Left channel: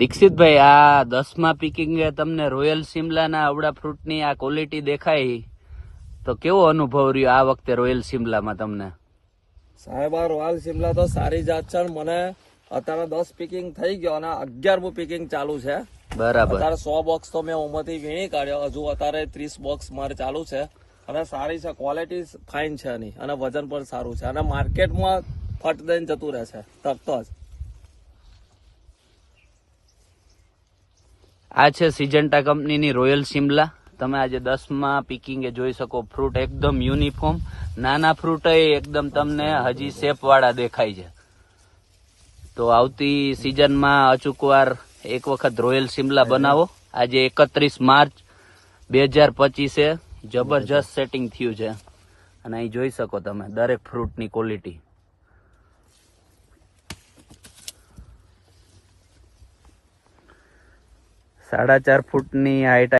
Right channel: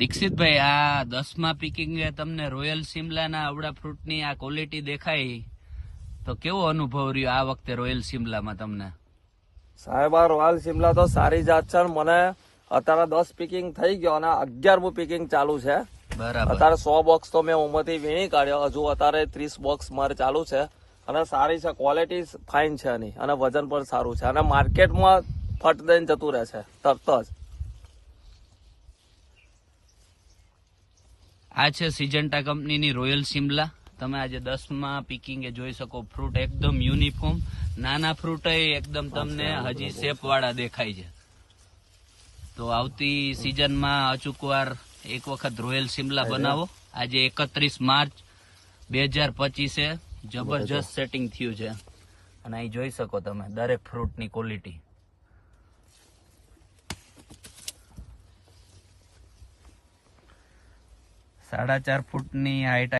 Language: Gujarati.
દીક્ષિતભાઈ, આ 10મા પિકિંગે તમને રોયલ સિમલાના અવડા ફ્રૂટની આ ક્વોલિટી દેખાઈ, તો કેવો અનુભવ રહ્યો આ વખતે રોયલ સિમલામાં તમને? સાહેબ, આ રોયલ સિમલા તો સારી જાત છે. મને અત્યારે 10 પિકિંગ થઈ ગયો અને 11મું પિકિંગ ચાલુ છે. બરાબર. અત્યારે 100 બોક્સ તો મેં ઉમરથી વીણી કાઢ્યો. હજુ અત્યારે 30 બોક્સ મારે ચાલુ છે અને સારી છે, ક્વોલિટી ફાઇન છે એની અને વજન પણ સારું છે અને માર્કેટમાં ફટ દઈને જતું રહે છે તરત જ. આ છે સિજન્ટા કંપનીની રોયલ સિમલા. તમે આજે 10મા પિકિંગે જોઈ શકો, ફ્રૂટ એકદમ યુનિફોર્મ, નાના ફ્રૂટ એકદમ તમને હજી શેપ વાળા દેખાય છે. તો આવતી સિઝનમાં અચૂકવાર એક વખત રોયલ સિમલા બનાવો. આજે 31 માર્ચ 2025 જબરજસ્ત સેટિંગ થયું છે અને અહીં જોઈ શકો તમે દરેક ફ્રૂટની ક્વોલિટી. 4.5 ફૂટની હાઈટ